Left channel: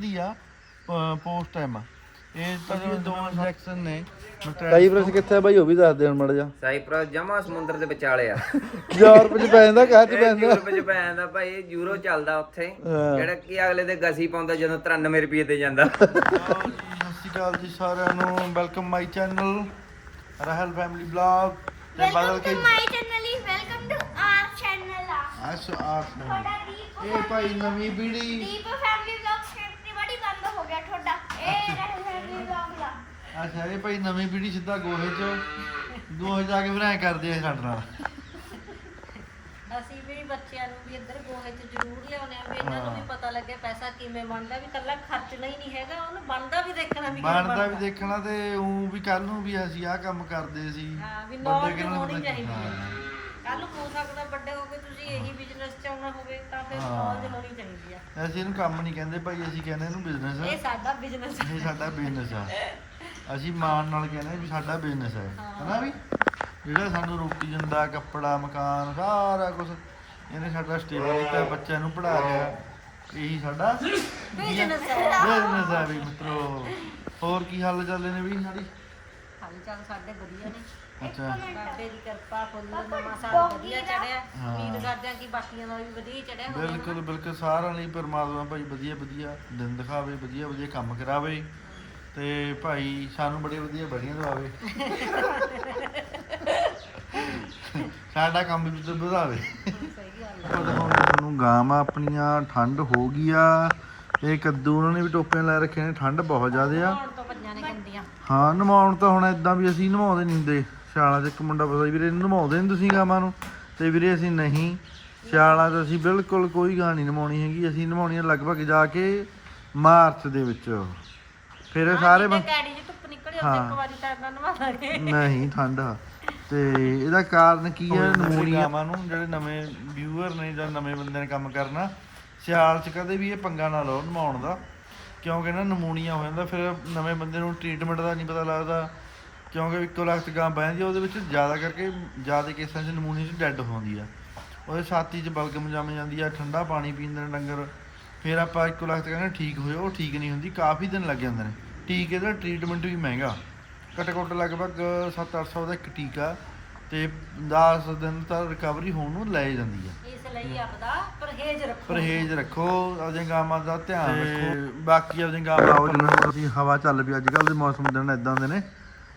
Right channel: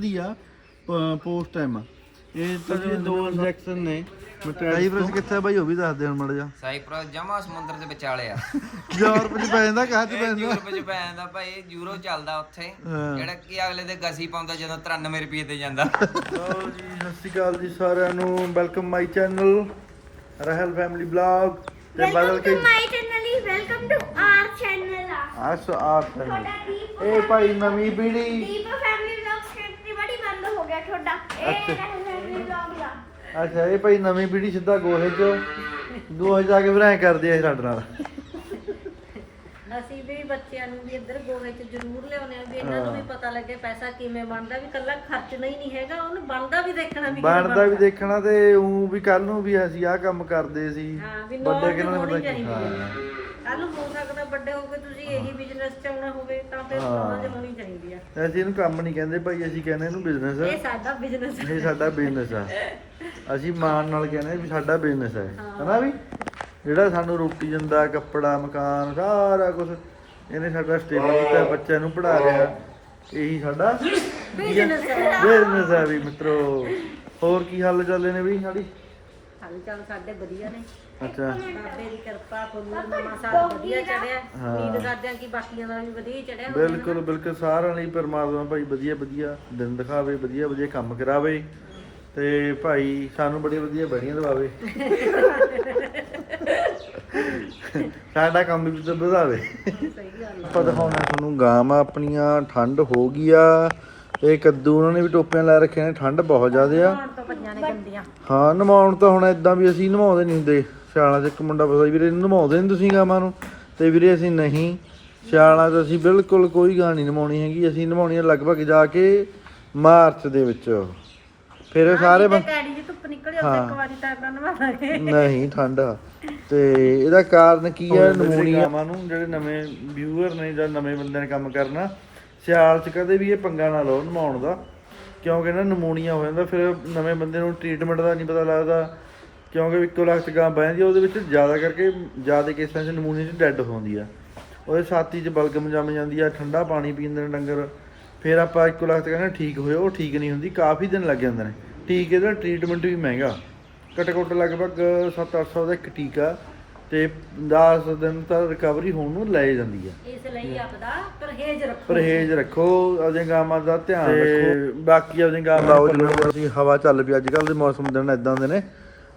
ਦੀ ਆ post time ਇਹ ਤੁਸੀਂ ਦੋ ਸੈਕਸ਼ਨ ਨੇ ਕਈ ਬਰਸ ਕਿੱਥੇ ਆ ਬਾਈ ਉਹ ਵੀ ਦੱਸ ਦੇ ਹੁਣ ਮੜ ਜਾ ਸਾਈਪ੍ਰਸ ਜਮਾ ਸਮੁੰਦਰ ਦੇ ਵਿਚਾਲੇ ਆ। ਯੂਰਪ ਚ ਪੈ ਜਾਂਦਾ ਕਾਹ ਚ ਇਹ ਪੈਂਦਾ ਯੂਰਪ ਚ ਪੈ ਜਾਂਦਾ ਭਾਈ ਇਹ ਯੂਰੋ ਚੱਲਦਾ ਉੱਥੇ। ਜਿਹੜਾ ਕਿ ਅਗਲੇ ਦੇ ਗਸੀ ਪਾਉਂਦਾ ਜਦੋਂ 93 ਰੁਪਏ ਤੇ ਜਾਂਦਾ। ਸਤਿ ਸ਼੍ਰੀ ਅਕਾਲ ਜੀ ਸਾਰਿਆਂ ਨੂੰ welcome my channel ਰਹਿਲ family blog ਤੇ ਬਦਲ ਕੇ ਮਾਈ ਚੈਨਲ ਹੀ ਵੈਲਕਮ ਟੂ ਆਰ ਚੈਨਲ ਆ। ਆਸ ਆਸ ਤੁਹਾਡਾ ਦੀਪ ਇਹ ਭਾਈ ਨਵੀਂ ਪੀੜੀ ਦੀਪ ਫੈਮਿਲੀ ਵਲੌਗ ਸਕ੍ਰਿਪਟ ਬੜੀ ਬੰਦ ਹੋ ਗਿਆ ਤੁਹਾਡਾ। ਇਹ ਫੈਮਿਲੀ ਵਲੌਗ ਦਾ ਅੱਛਾ ਇਹ ਭਾਈ ਨਵੀਂ ਪੀੜੀ ਸਿੱਧਾ ਗੋਹੇ ਚ ਗੋਹੇ ਜਾ ਕੇ ਫਿਰ ਐ ਕਰਦੀ ਆ ਸਾਡੇ ਨਾਲ। ਅਸੀਂ ਵੀ ਬੱਚਿਆਂ ਨੂੰ ਵੀ ਇੱਧਰ ਗੋਹੇ 'ਚ ਜ਼ਰੂਰ ਲਿਆਉਂਦੇ ਹਾਂ ਵੀ ਇਹਨਾਂ ਨੂੰ ਵੀ ਪਤਾ ਲੱਗੇ ਪੈਸਾ ਕਿਵੇਂ ਬਣਦਾ ਵੀ ਕੱਲਾ ਖਰਚਣਾ ਹੀ ਨਹੀਂ ਹੈਗਾ ਉਹਨੂੰ ਬਣਦਾ ਵੀ ਦੇਖਣਾ ਵੀ ਕਿਵੇਂ ਬਣਦਾ ਵੀ ਦੇਖਣਾ ਤੇ ਉਹ ਵੀ ਕੱਲ ਨੂੰ ਵੀ ਅਸੀਂ ਆਹ ਕੰਮ ਕਰਦੇ ਸੀ। ਹਾਂ, ਵੀ ਵੱਡੇ ਕਿਹਨਾਂ ਨੇ ਪਤਾ ਹੋਣੀ ਚਾਹੀਦੀ ਹਾਂ। ਹੈ। ਕੱਲ ਨੂੰ ਹੋ ਸਕਦਾ ਵੱਡੇ ਹੋ ਕੇ ਤੁਸੀਂ ਬਿਜ਼ਨਸ ਚ ਆਉਣਾ ਹੋਵੇ ਤਾਂ ਫਿਰ ਹਾਂ। ਨੌਲੇਜ ਹੋਣੀ ਚਾਹੀਦੀ ਹੈ ਅਸੀਂ ਇਹਨੂੰ ਕੰਮ ਨਹੀਂ ਕਹਿੰਦੇ ਭਾਈ ਅਸੀਂ ਕਹਿੰਦੇ ਇਹਨੂੰ ਬਿਜ਼ਨਸ ਇਹ ਸਾਡਾ ਬਿਜ਼ਨਸ ਇਹ ਸਾਡਾ ਬਿਜ਼ਨਸ ਆ। ਅਸੀਂ ਮਾਣ ਨਾਲ ਕਹਿੰਦੇ ਵੀ ਸਾਡਾ ਬਿਜ਼ਨਸ ਹੈ। ਹਨਾ ਵੀ? ਜਿਹੜਾ ਸਾਨੂੰ ਰੋਟੀ ਦਿੰਦਾ ਕੱਪੜਾ ਮਕਾਨ ਸਾਰਾ ਕੁਝ ਇਹਨੇ ਸਾਡਾ ਸਟੇਬਲ ਕੀਤਾ ਬੱਚਿਆਂ ਨੂੰ ਪੜਾ ਰਿਹਾ ਇਹੀ ਸਾਡਾ ਬਿਜ਼ਨਸ ਹੈ ਬਿਜ਼ਨਸ ਹੈ ਵੀ ਮਿੱਤਰੋ। ਹੋਰ ਕੀ ਹਾਲ ਚਾਲ ਨੇ ਵੀ ਸਾਡੀ? ਹਾਲ ਚਾਲ ਸਾਡੇ ਵਧੀਆ ਨੇ। ਅੱਛਾ। ਬਾਬੇ ਦੀ ਕਿਰਪਾ ਫੁੱਲ ਨਵਾਂ ਸਾਲ ਵਧੀਆ ਚੜਿਆ ਹਾਂ। ਉਮੀਦ ਕਰਦੇ ਹਾਂ ਕਿ ਬਾਕੀਆਂ ਦਾ ਵੀ ਵਧੀਆ ਹੀ ਚੜਿਆ ਹੋਵੇ ਬਿਲਕੁਲ ਬਿਲਕੁਲ ਸਾਰਿਆਂ ਲਈ ਪਰਮਾਤਮਾ ਭਾਈ ਵਧੀਆ ਵਧੀਆ ਦਿਨ ਦਿਖਾਵੇ ਵਧੀਆ ਵਧੀਆ ਕੰਮ ਕਰਾਵੇ। ਤੇ ਭਾਈ ਸਾਨੂੰ ਬੜੀ ਵਧੀਆ ਬੜੀਆਂ ਦਵਾਵੇ। ਸਾਡਾ ਕੰਮ ਵੀ ਤੇ ਵਧਾਵੇ। ਆਪਾਂ ਦਿਖਾਉਣੇ ਤੁਹਾਨੂੰ ਗਾਵਾਂ ਆਪਣੀਆਂ ਠੰਡ ਹੋ ਗਈ ਆ। ਇਹ ਕੱਦੂ ਉਹਨਾਂ ਨੇ ਵੀ ਟੋਪੀਆਂ ਲੈ ਰੱਖੇ ਨੇ ਠੰਡ ਬਹੁਤ ਜ਼ਿਆਦੇ ਆ। ਹੁਣ ਤੋਂ ਪੰਜਾਂ ਨੇ ਗੰਦੀਆਂ। ਹਾਂ ਨਵਾਉਣ ਤਾਂ ਹੁਣ ਇਦਾਂ ਵੀ ਅਸੀਂ ਨਵਾਉਂਦੇ ਨਹੀਂ ਹੁੰਦੇ। ਸਿਆਲਾਂ 'ਚ ਇੱਕ ਮੁੰਡਾ ਪਤਾ ਵੀਰੇ ਨਵਾਉਂਦੇ ਨਹੀਂ ਤੁਸੀਂ ਗਾਵਾਂ ਨੂੰ। ਤੇ ਵੀਰੇ ਅਸੀਂ ਨਹੀਂ। ਸਿਆਲਾਂ 'ਚ ਅਸੀਂ ਬਿਲਕੁਲ ਕੋਈ ਗਾਂ ਨਹੀਂ ਨਵਾਉਣੀ ਹੈਗੀ। ਅਸੀਂ ਨਵਾਉਣੀ ਆ ਲਗਭਗ ਜਾ ਕੇ ਮਾਰਚ ਦੇ ਵਿੱਚ। ਫਿਰ ਸਾਰੇ ਕੈੜੀ ਜੀ ਧੁੱਪ ਨਿਕਲ ਹਾਂ। ਇੱਕ ਵਾਰੀ ਤਾਂ ਇਦਾਂ ਨਵਾ ਲਾਂਗੇ। ਨਹੀਂ ਠੰਡ ਤੇ ਇਹਦਾ ਕਾਰਨ ਕੀ ਹੈ ਨਮੂਨੀਆ ਨੂੰ ਜਿਹੜੇ ਨਵੇਂ ਵਿਊਅਰ ਨੇ ਜਾਂ ਨਵੇਂ ਬੰਦੇ ਨੇ ਕੰਮ ਕਰਨਾ। ਸਿਆਲ 'ਚ ਕਦੇ ਵੀ ਇਹ ਪੰਗਾ ਨਾ ਲਓ ਨਮਾਉਣ ਦਾ। ਕਿਉਂਕਿ ਨਾ ਨਮੂਨੀਆ ਹੋ ਜਾਂਦਾ ਫਿਰ ਨਵੇਂ ਬੰਦੇ ਨੂੰ ਟ੍ਰੀਟਮੈਂਟ ਦਾ ਨਹੀਂ ਪਤਾ ਲੱਗਦਾ। ਕਿਉਂਕਿ ਇੱਕੋ ਲੱਖ ਗਾਂ ਬਹਿੰਦੀ ਆ, ਉਹਦੇ ਵਿੱਚ ਜ਼ਿਆਦਾ ਕਰਕੇ ਜ਼ਿਆਦਾ ਕੇਸਾਂ 'ਚ ਨਮੂਨੀਆ 'ਚ ਡੈੱਡ ਹੁੰਦੀ ਆ। ਉਹਦੇ ਛਾਤੀ 'ਚ ਬਲਗਮ ਜੰਮ ਜਾਂਦੀ ਆ ਠੰਡਾ ਪਾਣੀ ਪੀਂਦੇ ਨੇ ਡੰਗਰ। ਫਿਰ ਆਪਾਂ ਇੱਕੋ ਲੱਖ ਤੇ ਕਹਿੰਦੇ ਠੀਕ ਹੋਇਆ ਉਹ ਠੀਕ ਨਹੀਂ ਹੁੰਦੀ ਕਾਫੀ ਦਿਨ ਲੱਗ ਜਾਂਦੇ ਨੇ। ਟੀਕੇ ਦਾ ਟ੍ਰੀਟਮੈਂਟ ਵੀ ਮਹਿੰਗਾ। ਘੱਟੋ ਘੱਟ ਲਗਭਗ 7-800 ਦਾ ਇੱਕ ਟੀਕਾ ਤੇ 10 ਦਿਨ ਤਾਂ ਰਿਕਵਰੀ ਹੋਣ ਨੂੰ ਲੈ ਜਾਂਦੀ ਆ। ਇਸ ਲਈ ਆਪਦਾ ਪਰਹੇਜ਼ ਰੱਖੋ। ਪਰਹੇਜ਼ ਰੱਖੋ ਗਾਵਾਂ ਦਾ ਧਿਆਨ ਰੱਖੋ। ਬਾਕੀ ਆਪਦੀਆਂ ਗਾਵਾਂ ਲਾਓ ਹਵਾ ਚੱਲ ਪਈ ਅੱਜ ਕੱਲ ਦੇ ਮੌਸਮ ਦਿਨ ਇਦਾਂ ਦੇ ਨੇ।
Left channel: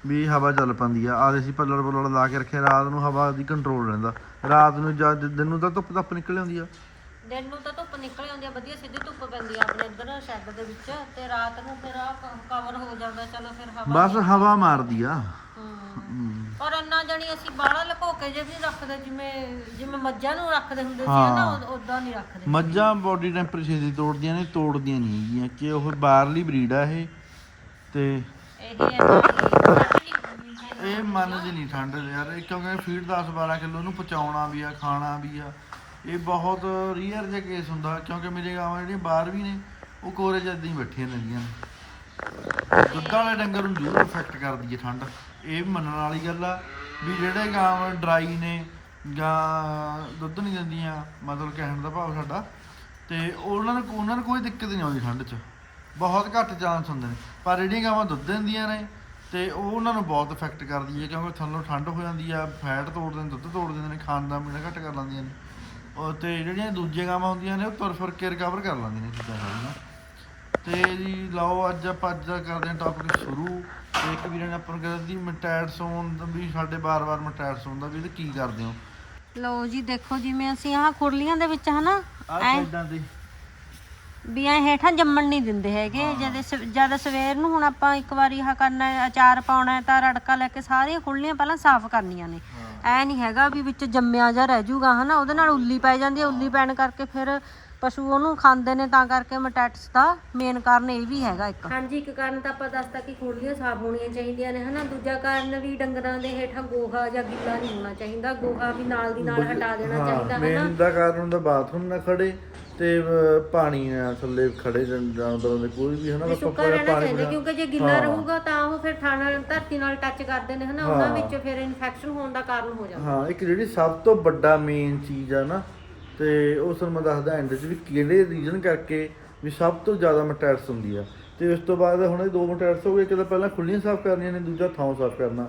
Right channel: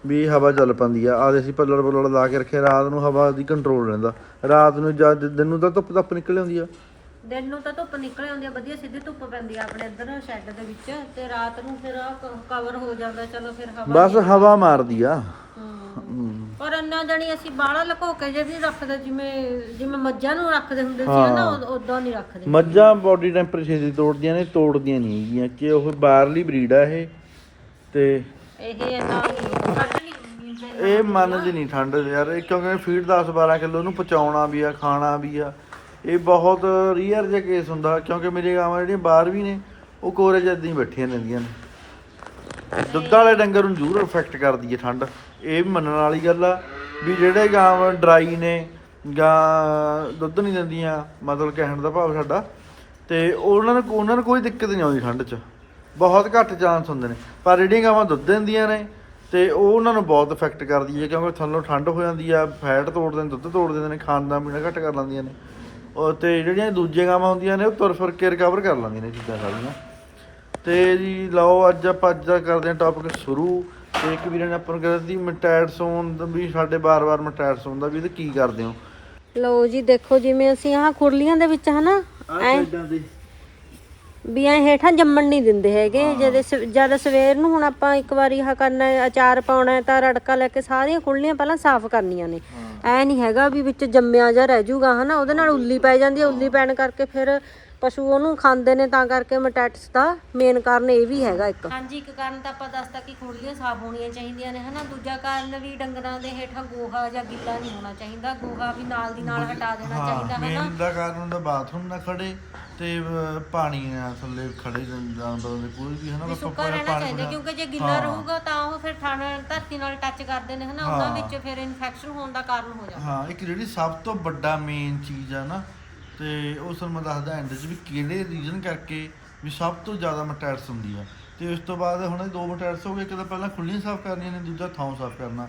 ਵੀ ਹਵਾ ਚੱਲ ਪੈਂਦੀ ਆ। ਆਦੇ ਅਸੀਂ ਪੱਲੜ ਪੱਲੜ ਲਾ ਕੇ ਰੱਖੇ ਰਾਤ ਨੂੰ ਹਵਾ ਦੀ ਕੰਟਰੋਲ ਰਹਿੰਦਾ। ਰਾਤ ਨੂੰ ਜਦ ਦਿਨ ਨੂੰ ਤਾਂ ਧੁੱਪ ਧੱਪ ਨਿਕਲ ਆਉਂਦੀ ਆ। ਦਿਨ ਨੂੰ ਤਾਂ ਧੁੱਪ ਨਿਕਲ ਆਉਂਦੀ ਆ ਵਧੀਆ ਸਿੱਧੀ ਧੁੱਪ ਪੈਂਦੀ ਆ ਆਪਣੇ ਇੱਧਰ ਸ਼ੈੱਡ ਦੇ ਵਿੱਚ। ਤੇ ਰਾਤ ਨੂੰ ਫਿਰ ਆ ਕਵਰ ਹੋ ਜਾਂਦਾ ਚਲੋ ਫਿਰ ਹਵਾ ਬਸ ਹਵਾ ਮਾਰਦੀ ਆ। ਪਰ ਇੰਨਾ ਜਣੀ ਅਸੀਂ ਬਾਹਲਾ ਲੁਕੋ ਕੇ ਜੇ ਵੀ ਰੱਖਦੇ ਜਿਵੇਂ ਜਿਵੇਂ ਮੱਝਾਂ ਨੂੰ ਰੱਖਦੇ ਹੁੰਦੇ ਸੀ ਨਾ ਉਦਾਂ ਨਹੀਂ ਰੱਖਦੇ। ਮੱਝਾਂ ਬਾਡੀ ਟੈਂਪਰੇਚਰ ਦੀ ਤੋੜਦੀਆਂ ਨੇ ਤੋੜਦੀਆਂ ਨਹੀਂ ਹੈਗੀਆਂ। ਕਿ ਉਹ ਬਾਹਰਲੀ ਬਰੀਡ ਆ ਇਹ। ਤੇ ਇਹ ਇਹ ਮੰਨਦੀ ਨਹੀਂ ਠੰਡ ਯਾਰ ਇਹ ਕਿਉਂਕਿ ਫੀਡ 10 12 ਕਿਲੋ ਨੂੰ ਪਚਾਉਣਾ ਵੀ ਆ ਖਾਣਾ ਵੀ ਆ। ਇਹ ਬਹੁਤ ਰੀਅਰ ਜਿਹਾ ਕੇਸ ਹੁੰਦਾ ਕਿਉਂਕਿ ਮੇਰੇ ਗਾਵਾਂ ਜਿਹੜੀਆਂ ਬਾਹਰ ਵੀ ਨੇ ਉਹ ਕੋਰੇ ਜੱਦੀ ਹੀ ਬੈਠੀਆਂ ਰਹਿੰਦੀਆਂ ਨੇ। ਦੁੱਧ ਵਾਲੇ ਡੰਗਰ ਨੂੰ ਜ਼ਰੂਰ ਅਫੈਕਟ ਕਰਦੀ ਹੈ ਠੰਡ। ਇਹ ਵੀ ਮੰਨਣ ਵਾਲੀ ਗੱਲ ਆ ਵੀ ਜਿਹੜੇ ਗਾਵਾਂ ਡਰਾਈ ਨੇ ਗਾਂ ਦੁੱਧ ਨਹੀਂ ਦਿੰਦੀਆਂ ਮਤਲਬ ਕਹਿਣ ਦਾ ਭਾਵ ਸਾਡਾ ਤੇ ਉਹਨਾਂ ਨੂੰ ਉਹਨਾਂ ਨੂੰ ਕੋਈ ਦਿੱਕਤ ਨਹੀਂ ਆਉਂਦੀ ਠੰਡ 'ਚ। ਬਹੁਤ ਘੱਟ ਚਾਂਸ ਹੁੰਦੇ ਨੇ। ਪਰ ਜਿਹੜੀਆਂ ਗਾਵਾਂ ਦੁੱਧ ਦਿੰਦੀਆਂ ਨੇ ਤੇ ਉਹ ਉਹਨਾਂ ਨੂੰ ਬਹੁਤ ਇਫੈਕਟ ਕਰਦੀ ਹੈ ਕਿਉਂਕਿ ਥੱਲੋਂ ਠੰਡ ਹੋ ਜਾਂਦੀ ਆ ਫੈਟ ਤੋੜ ਦਿੰਦੇ ਦੁੱਧ ਤੋੜ ਦਿੰਦੇ ਨੇ ਖਾਣ ਦਾ ਪੀਣਾ ਘੱਟ ਕਰ ਲੈਂਦੀਆਂ ਨੇ। ਉਹ ਤੇ ਜਿਹੜੀਆਂ ਦੂਜੀਆਂ ਗਾਵਾਂ ਹੁੰਦੀਆਂ ਨੇ ਉਹ ਤੁਰ ਫਿਰ ਕੇ ਰਿਕਵਰ ਕਰ ਲੈਂਦੀਆਂ ਨੇ ਚੀਜ਼ਾਂ ਸਾਰੀਆਂ। ਤੇ ਜੀ ਲਓ ਅੱਜ ਆਪਾਂ ਅੱਜ ਦਾ ਕਰਦੇ ਹਾਂ ਟੌਪਿਕ ਸ਼ੁਰੂ। ਤੇ ਇੱਕ ਵੀਰੇ ਨੇ ਆਪਾਂ ਨੂੰ ਕਿਹਾ ਸੀ ਦਾ ਵੀ ਸਾਡੇ ਬਾਰ-ਬਾਰ ਮਟੈਡ ਸੌਣ ਦਾ ਵੀ ਤੇ ਕੀ ਕਰਦੇ ਹੋ? ਲਓ ਜੀ ਦੇਖੋ ਜਿਵੇਂ ਅਸੀਂ ਆਹ ਖੁਰਲੀਆਂ ਦੇ ਵਿੱਚ ਹਨਾ ਐ ਇਦਾਂ ਦੀ ਵੀ ਐ ਹੇਠਾਂ ਜੰਮਣ ਨਹੀਂ ਦਿੰਦੇ ਹੈਗੇ। ਜਦ ਜਦ ਸਵੇਰ ਨੂੰ ਹੁਣ ਆਪਾਂ ਇੱਕ ਵਾਰੀ ਆਹ ਕਰਨਾ ਹੈ, ਅਚਾਰ ਪਾਉਣਾ ਹੈ ਤਾਂ ਰੜਕਾ ਲੈ ਕੇ ਸਾਰੀਆਂ ਖੁਰਲੀਆਂ ਪਹਿਲਾਂ ਸਾਫ਼ ਕਰਨੀਆਂ ਨੇ। ਐ ਨਹੀਂ ਹੈਗਾ ਵੀ ਵਿੱਚ ਜੰਮਿਆ ਜਾਂ ਰਹਿ ਜਾਊਗਾ ਹਨਾ? ਉਹਦੇ ਨਾਲ ਉੱਲੀ ਪੈ ਜਾਂਦੀ ਹੈ ਉੱਲੀ ਪੈਣ ਕਰਕੇ ਫਿਰ ਪਸ਼ੂ ਉਹਨੂੰ ਖਾਂਦੇ ਨੇ ਤਾਂ ਕਰਕੇ ਮਟੈਟਸ ਦਾ ਮੇਨ ਕਾਰਨ ਇਹ ਵੀ ਹੈਗਾ ਇੱਕ। ਹਾਂਜੀ ਇੱਕ ਕਾਰਨ ਤਾਂ ਆਪਾਂ ਦੱਸਤਾ ਕਿ ਖੁਰਲੀਆਂ ਸਾਫ਼ ਹੋਣੀਆਂ ਚਾਹੀਦੀਆਂ ਨੇ ਹਨਾ? ਦੂਜਾ ਕਾਰਨ ਵੀ ਡੰਗਰਾਂ ਦੇ ਹੇਠਾਂ ਗੋਹਾ ਜਾਂ ਗਿੱਲਾ ਨਹੀਂ ਹੋਣਾ ਚਾਹੀਦਾ। ਗੋਹਾ ਵੀ ਨਾਲ ਦੀ ਨਾਲ ਹਟਾ ਦੇਣਾ ਹਾਂ ਚਾਹੀਦਾ ਹਨਾ? ਮੇਨ ਦਾ ਕਾਰਨ ਹੁੰਦਾ ਬਾਥਰੂਮ ਨਾ ਖੜੇ ਤੇ ਪਾਣੀ ਨਾਲ ਥੱਲੇ ਖੜੇ ਜਾਨ- ਜਾਨਵਰਾਂ ਦੇ ਕੋਈ ਵੀ ਹਨਾ? ਆਪਾਂ ਸੁੱਕਾ ਪਾਣੀ ਰਹਿਣਾ ਚਾਹੀਦਾ ਕਿਉਂਕਿ ਜੇ ਗਿੱਲਾ ਰਹੂਗਾ ਤਾਂ ਉਹ ਫਿਰ ਥਣ ਧਰਤੀ ਨਾਲ ਟੱਚ ਕਰਦੇ ਨੇ ਹਨਾ? ਉਹਨਾਂ। ਵਿੱਚ ਫਿਰ ਇਨਫੈਕਸ਼ਨ ਹੋਣ ਦਾ ਕਾਰਨ ਹੋ ਜਾਂਦਾ। ਹਾਂ ਇੱਕ ਜਿਹੜੀ ਸਭ ਤੋਂ ਵੱਡਾ ਮੇਨ ਚੀਜ਼ ਆ ਨਾ ਤੇ ਉਸ ਨੂੰ ਮੈਂ ਦੱਸਦਾ ਐਂਡ 'ਚ ਵੀ ਕਿਹਦੇ ਰੀਜਨ ਕਰਕੇ ਵੀ ਸਭ ਤੋਂ ਜ਼ਿਆਦਾ ਮਟੈਟਸ ਹੁੰਦੀ ਆ। ਤੇ ਉਸ ਤੋਂ ਬਾਅਦ ਹੁਣ ਇਹ ਦੋ ਮਟੈਟਸ ਹੋ ਗਏ, ਇੱਕ ਤਾਂ ਪਹਿਲਾਂ ਖੁੱਲੀਆਂ ਸਾਫ਼ ਕਰਨੀਆਂ ਨੇ, ਦੂਜਾ ਥਾਂ ਸਾਫ਼ ਕਰਨਾ।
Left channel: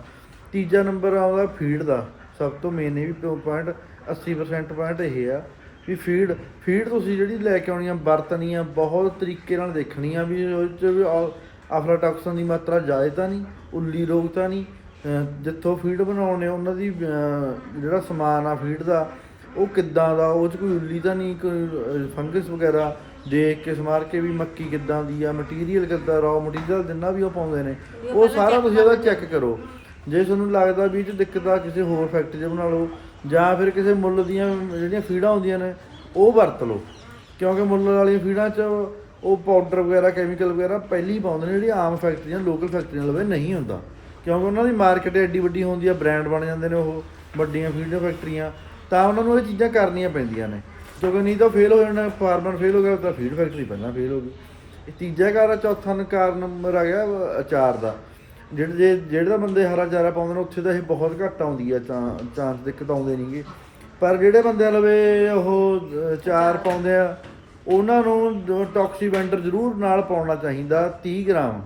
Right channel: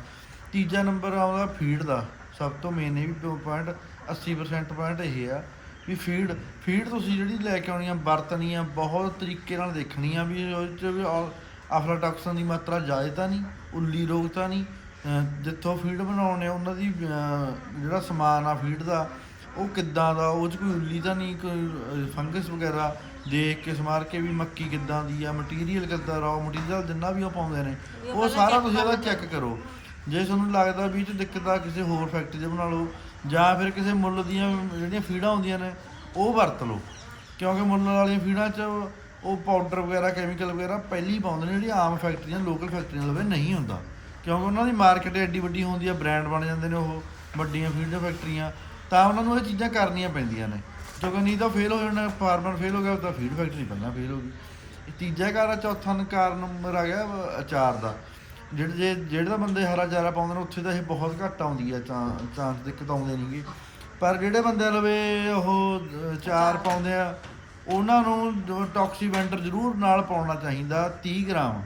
ਤੀਜਾ ਨੰਬਰ ਆਉਂਦਾ ਫੀਡ ਦਾ, ਸਭ ਤੋਂ ਮੇਨ ਇਹ ਵੀ ਪੁਆਇੰਟ 80% ਪੁਆਇੰਟ ਇਹ ਆ ਵੀ ਫੀਡ ਫੀਡ ਤੁਸੀਂ ਜਿਹੜੀ ਲੈ ਕੇ ਆਉਣੀ ਆ, ਵਰਤਣੀ ਆ, ਬਹੁਤ ਤਰੀਕੇ ਨਾਲ ਦੇਖਣੀ ਆ ਵੀ ਉਹ ਚ ਵੀ ਆਫਲਾਟੌਕਸਨ ਦੀ ਮਾਤਰਾ ਜ਼ਿਆਦਾ ਤਾਂ ਨਹੀਂ, ਉੱਲੀ ਰੋਗ ਤਾਂ ਨਹੀਂ ਜਿੱਥੋਂ ਫੀਡ ਬਣਾਉਣੇ ਉਹਨਾਂ ਦੀ ਜਿਹੜਾ ਸਮਾਨ ਆ ਫੀਡ ਦਾ ਉਹ ਕਿੱਦਾਂ ਦਾ ਉਹ ਚ ਕੋਈ ਉੱਲੀ ਤਾਂ ਨਹੀਂ ਕੋਈ ਫੰਗਸ ਵਗੈਰਾ ਦੇਖ ਕੇ ਸਮਾਰ ਕੇ ਵੀ ਮੱਕੀ ਕਿੱਦਾਂ ਦੀ ਆ ਮਟੀਰੀਅਲ ਕਿੱਦਾਂ ਰॉ ਮਟੀਰੀਅਲ ਜਿੰਨਾ ਵੀ ਉਹ ਪਾਉਂਦੇ ਨੇ ਉਹ ਸਾਰਾ ਤੁਸੀਂ ਉਹਦਾ ਚੈੱਕ ਕਰੋ। ਜੇ ਤੁਹਾਨੂੰ ਲੱਗਦਾ ਵੀ ਇਹ ਚ ਦਿੱਕਤ ਆ ਕਿਸੇ ਹੋਰ ਫੈਕਟਰੀ ਦੇ ਬਣਾ ਲਓ ਜਾਂ ਫਿਰ ਕਿਸੇ ਮੁੱਲ ਦੀਆਂ ਜਿਹੜੀਆਂ ਫੀਡਾਂ ਹੁੰਦੀਆਂ ਨੇ ਉਹ ਵਰਤ ਲਓ। ਕਿਉਂਕਿ ਮੁੱਲ ਵਾਲੀਆਂ ਫੀਡਾਂ 'ਚ ਉਹ ਪਾਊਡਰ ਵਗੈਰਾ ਕੈਮੀਕਲ ਵਗੈਰਾ ਪਹਿਲੀ ਪਾਉਂਦੇ ਨੇ ਜਿਹੜੀ ਆਮ ਫੈਕਟਰੀਆਂ ਲੋਕਲ ਫੈਕਟਰੀਆਂ ਲਵੇ ਨਹੀਂ ਹੁੰਦਾ। ਕਿਉਂਕਿ ਉਹਨਾਂ ਦੀ ਮਾਰਕੀਟ ਐਡੀ ਵੱਡੀ ਹੁੰਦੀ ਆ ਬ੍ਰਾਂਡ ਬਣ ਜਾਂਦੇ ਨੇ ਉਹ ਵੱਡੀਆਂ ਫੀਡ ਫੈਕਟਰੀਆਂ ਤਾਂ ਉਹਨਾਂ ਨੂੰ ਇਹ ਚੀਜ਼ਾਂ ਕਰਨੀਆਂ ਪੈਂਦੀਆਂ ਨੇ। ਕਿਉਂਕਿ ਨਹੀਂ ਤਾਂ ਫੇਲ ਹੋ ਜਾਣਾ ਫਾਰਮਰ ਫੇਲ ਹੋ ਗਿਆ, ਤਾਂ ਫੀਡ ਫੈਕਟਰੀ ਪਹਿਲਾਂ ਫੇਲ ਹੋ ਗਈ। ਇਹ ਤੀਜਾ ਕਾਰਨ ਚੌਥਾ ਨ- ਕਾਰਨ ਨੰਬਰ ਆ ਗਿਆ, ਅਚਾਰ ਦਾ। ਜਿਹੜੇ ਜੇ ਜਿਹੜਾ ਬੰਦੇ ਹਰਾ ਚਾਰਾ ਪਾਉਂਦੇ ਨੇ, ਉੱਥੇ ਤਾਂ ਇਹ ਬਹੁਤ ਘੱਟ ਆਉਂਦੀ ਆ ਚਾਂਸ ਦਿੱਕਤ ਆਉਂਦੇ ਨਹੀਂਗੇ ਪਰ ਜਿਹੜੇ ਬੰਦਿਆਂ ਲਵੇ ਉਹ ਚਾਰ ਪਾਉਂਦੇ ਆ, ਉਹਨਾਂ ਨੂੰ ਟੌਕਸੀ ਵੈਂਡਰ ਜ਼ਰੂਰ ਨਾਲ ਪਾਉਣਾ ਚਾਹੀਦਾ 30 ਗ੍ਰਾਮ।